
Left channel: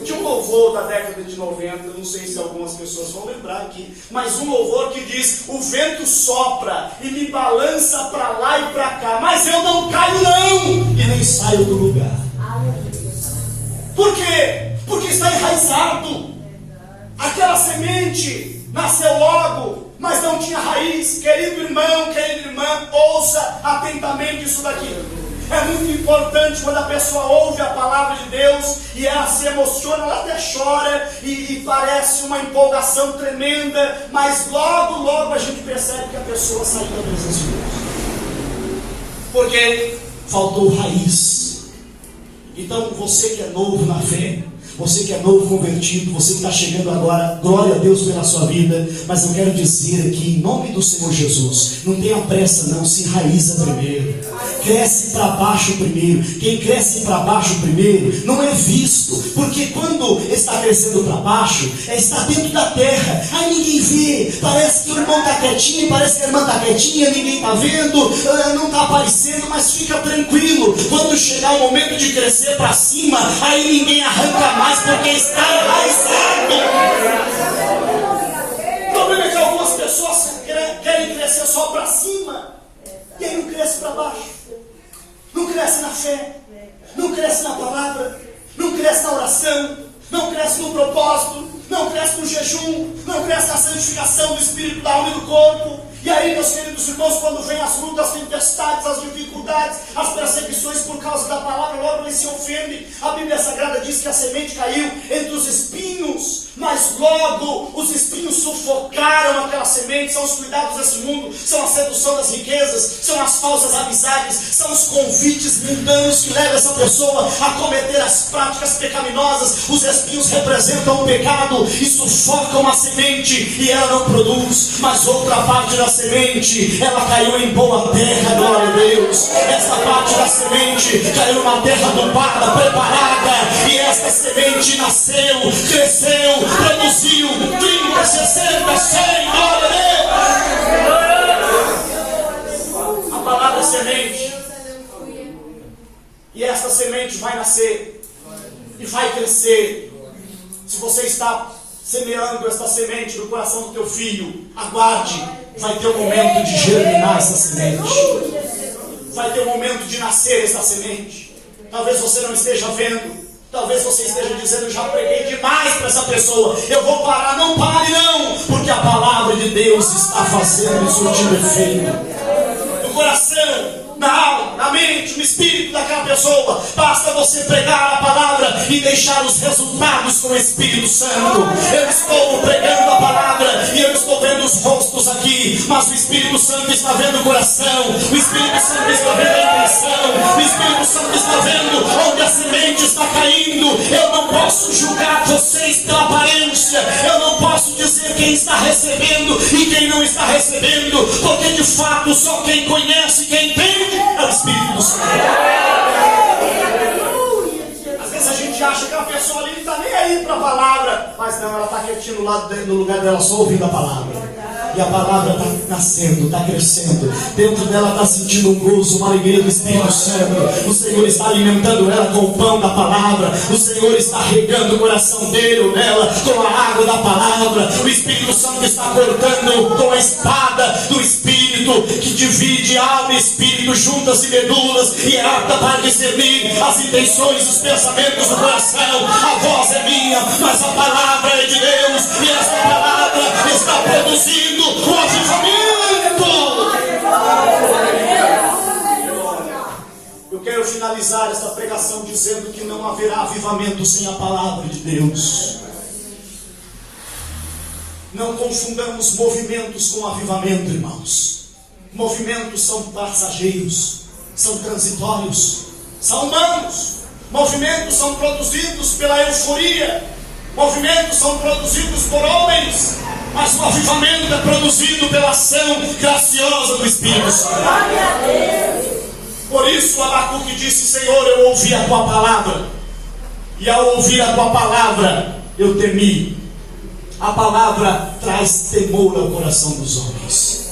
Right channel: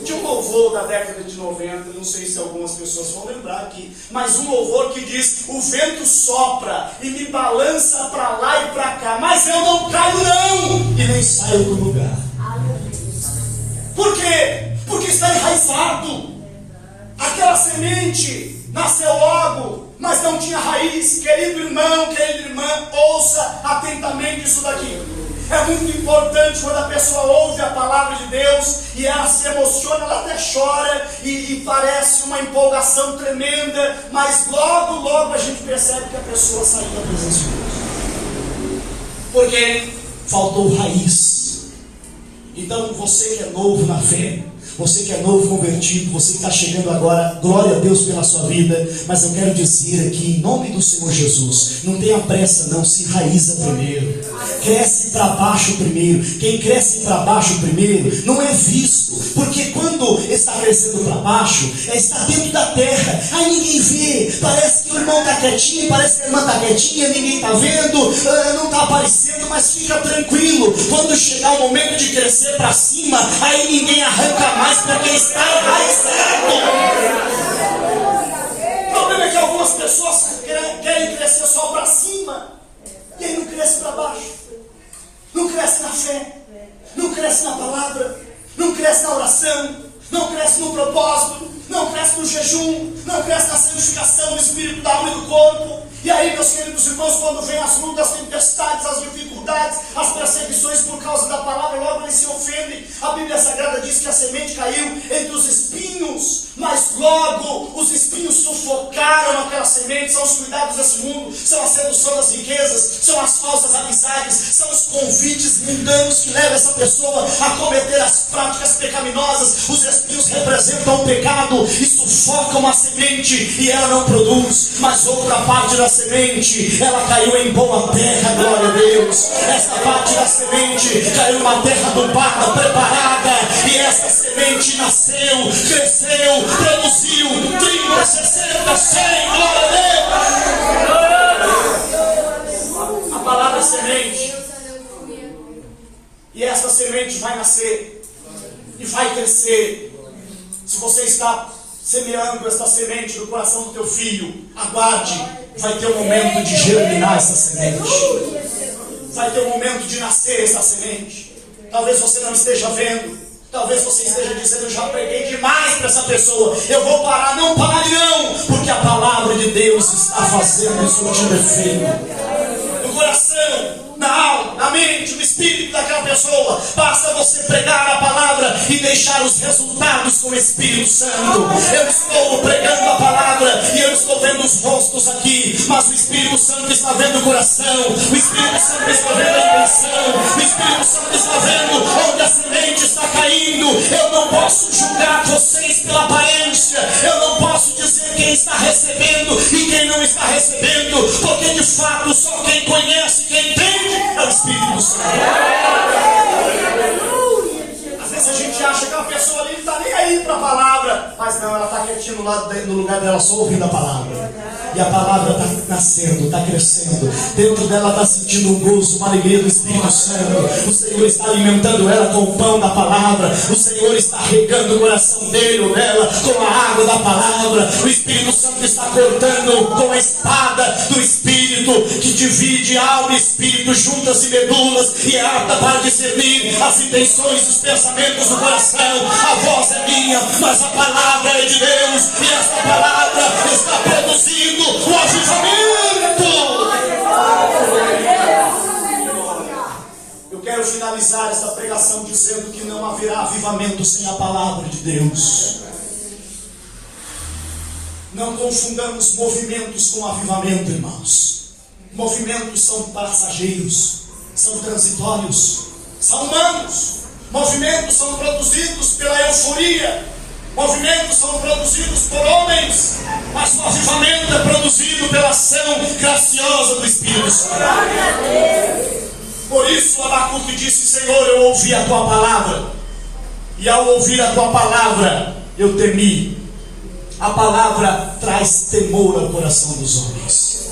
Tinha um louvor da década de 90, não sei se algumas pessoas vão lembrar aqui, mas um louvor que diz: o vento sopra e me balança para lá e para cá, mas eu não caio não, e nem saio do lugar. Por quê? Porque está enraizado. Aquela semente nasceu logo, mas não tinha raiz. Querido irmão, querida irmã, ouça atentamente isso daqui. É muito importante quando a pessoa ouve a palavra de Deus e ela se emociona, ela até chora e parece uma empolgação tremenda, mas logo a gente percebe que a pessoa saiu da presença de Deus, porque faltou raiz. Então você que é novo na fé, você que é novo convertido, você que está chegando agora, glória a Deus pela sua vida, mas eu quero dizer aqui, em nome do Senhor Jesus, não tenha pressa não, se enraiza primeiro, cresce para baixo primeiro. Quem cresce para baixo primeiro não é visto, porque quando está crescendo para baixo, está dentro da terra, aí ninguém vê, parece que o irmão está quietinho, parece que a irmã está quietinha, ninguém está vendo, não está aparecendo, mas fica tranquilo, quando chegar o momento de crescer para cima, aí ninguém arranca mais, porque está enraizado. O problema é que algumas pessoas querem crescer só para cima, e aí não cresce para baixo, não cresce na fé, não cresce na palavra, não cresce na oração, não cresce no propósito, não cresce no jejum, não cresce na santificação do espírito, da alma e do corpo. E aí, meus queridos irmãos, quando vem as lutas, as tempestades, as dificuldades, as perseguições por causa da palavra, logo eles se ofendem. A Bíblia Sagrada diz que a semente caiu entre os espinhos, mas logo os espinhos sufocaram aquela semente. São os cuidados desse mundo, são a sedução das riquezas, são as falsas amizades, são os convites mundanos que levam essa pessoa a cometer as práticas pecaminosas. Os espinhos representam o pecado e sufocam a semente e ela não produz. Mas outra parte da semente, ela caiu em boa terra, glória a Deus. Essa parte da semente caiu numa terra adubada, preparada, e essa semente nasceu, cresceu, produziu 30, 60, 100, glória a Deus. A palavra é semente, e essa semente vai nascer e vai crescer. Se você está semeando essa semente no coração do teu filho, aguarde. Vai ter um momento de germinar essa semente. Vai ter um momento de nascer essa semente. Talvez você não esteja vendo. Talvez você esteja dizendo: eu já preguei demais para essa pessoa, eu vou parar. Não pare não, porque a palavra de Deus está fazendo surtir efeito no coração, na alma, na mente, no espírito daquela pessoa. Basta você pregar a palavra e deixar os resultados com o Espírito Santo. Eu estou pregando a palavra e eu estou vendo os rostos aqui, mas o Espírito Santo está vendo o coração, o Espírito Santo está vendo a intenção, o Espírito Santo está vendo onde a semente está caindo. Eu não posso julgar vocês pela aparência, eu não posso dizer quem está recebendo e quem não está recebendo, porque de fato só quem conhece, quem entende é o Espírito Santo. Às vezes a gente acha que a pessoa ali não está nem aí para a palavra, mas não, ela está quietinha no lugar dela, só ouvindo a palavra. E a palavra está nascendo, está crescendo. Dentro dela está sentindo um gozo, uma alegria do Espírito Santo. O Senhor está alimentando ela com o pão da palavra. O Senhor está regando o coração dele ou dela com a água da palavra. O Espírito Santo está cortando com a espada do Espírito, que divide alma e espírito, juntas e medulas, e é apta para discernir as intenções e os pensamentos do coração. A voz é minha, mas a palavra é de Deus, e essa palavra está produzindo o avivamento. Eu quero finalizar esta pregação dizendo que não haverá avivamento sem a palavra de Deus. Não confundamos movimentos com avivamento, irmãos. Movimentos são passageiros, são transitórios, são humanos. Movimentos são produzidos pela euforia, movimentos são produzidos por homens, mas o avivamento é produzido pela ação graciosa do Espírito Santo. Por isso Abacuque disse: Senhor, eu ouvi a tua palavra, e ao ouvir a tua palavra eu temi. A palavra traz temor ao coração dos homens.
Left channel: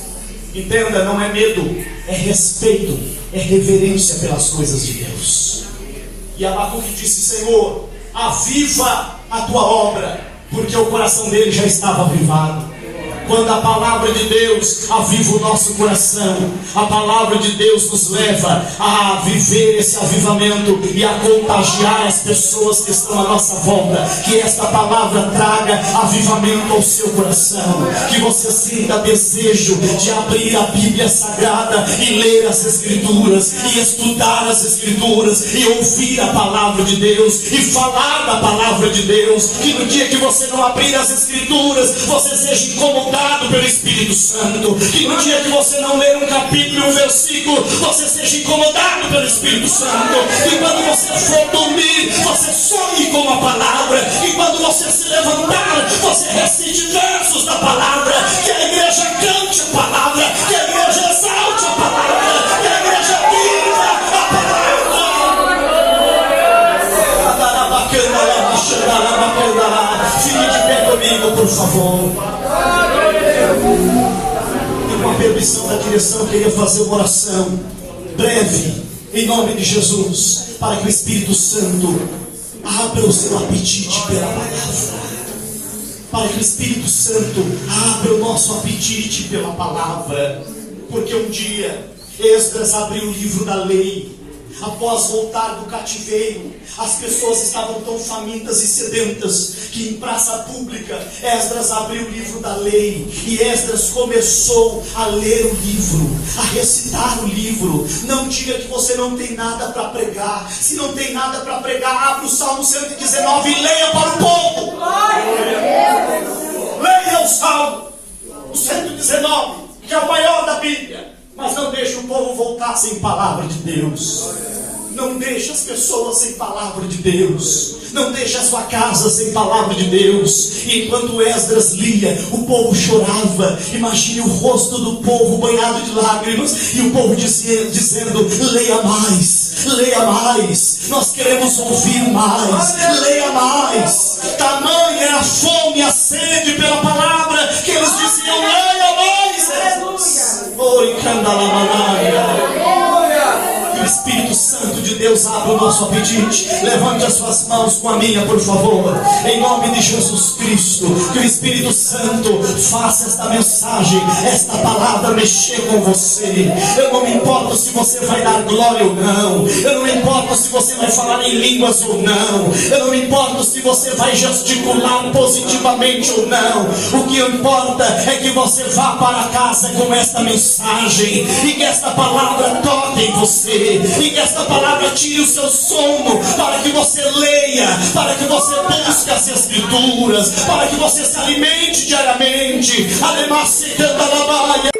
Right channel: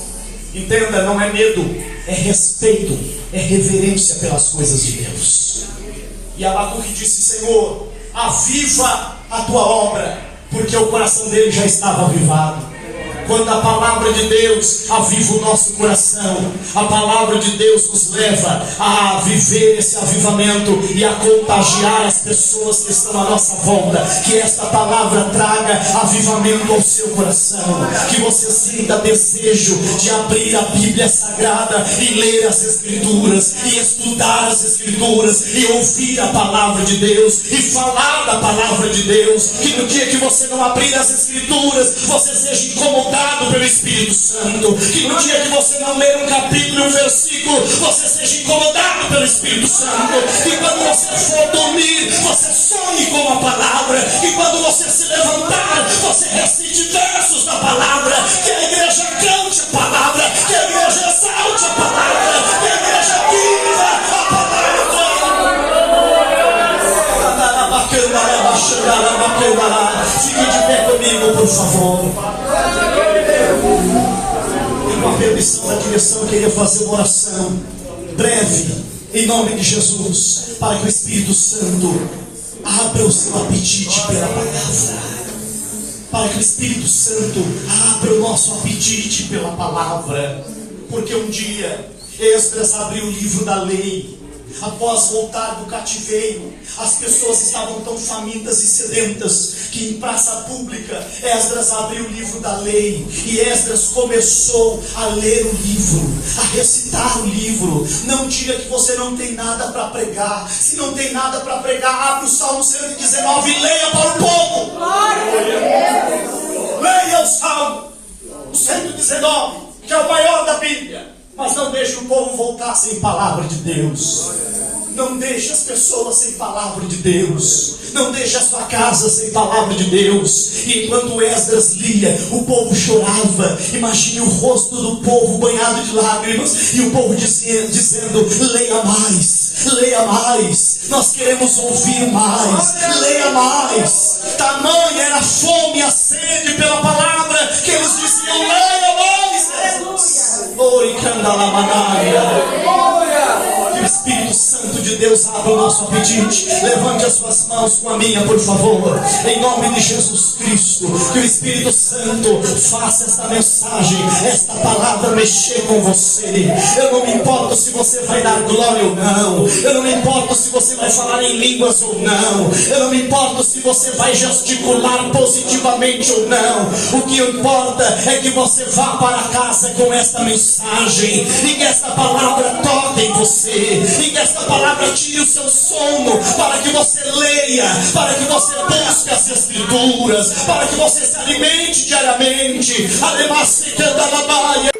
Entenda, não é medo, é respeito, é reverência pelas coisas de Deus. E Abacuque disse: Senhor, aviva a tua obra, porque o coração dele já estava avivado. Quando a palavra de Deus aviva o nosso coração, a palavra de Deus nos leva a viver esse avivamento e a contagiar as pessoas que estão à nossa volta. Que esta palavra traga avivamento ao seu coração, que você sinta desejo de abrir a Bíblia Sagrada e ler as Escrituras, e estudar as Escrituras, e ouvir a palavra de Deus, e falar da palavra de Deus. Que no dia que você não abrir as Escrituras, você seja incomodado pelo Espírito Santo. Que no dia que você não ler um capítulo e um versículo, você seja incomodado pelo Espírito Santo. Que quando você for dormir, você sonhe com a palavra. Que quando você se levantar, você recite versos da palavra. Que a igreja cante a palavra, que a igreja exalte a palavra, que a igreja viva a palavra. Fique de pé comigo, por favor. Com a permissão da direção, eu queria fazer uma oração breve, em nome de Jesus, para que o Espírito Santo abra o seu apetite pela palavra. Para que o Espírito Santo abra o nosso apetite pela palavra. Porque um dia Esdras abriu o livro da lei. Após voltar do cativeiro, as pessoas estavam tão famintas e sedentas que em praça pública Esdras abriu o livro da lei, e Esdras começou a ler o livro, a recitar o livro. Não diga que você não tem nada para pregar. Se não tem nada para pregar, abra o Salmo 119 e leia para o povo. Leia o Salmo 119, que é o maior da Bíblia. Mas não deixe o povo voltar sem palavra de Deus. Não deixe as pessoas sem palavra de Deus. Não deixe a sua casa sem palavra de Deus. E enquanto Esdras lia, o povo chorava. Imagine o rosto do povo banhado de lágrimas, e o povo dizendo: leia mais, leia mais, nós queremos ouvir mais, leia mais. Tamanha era a fome e a sede pela palavra, que eles diziam: leia mais. Oi, que o Espírito Santo de Deus abra o nosso apetite. Levante as suas mãos com a minha, por favor, em nome de Jesus Cristo. Que o Espírito Santo faça esta mensagem, esta palavra mexer com você. Eu não me importo se você vai dar glória ou não. Eu não me importo se você vai falar em línguas ou não. Eu não me importo se você vai gesticular positivamente ou não. O que importa é que você vá para casa com esta mensagem, e que esta palavra toque em você, e que esta palavra tire o seu sono, para que você leia, para que você busque as Escrituras, para que você se alimente diariamente. Ademais, se canta na baia.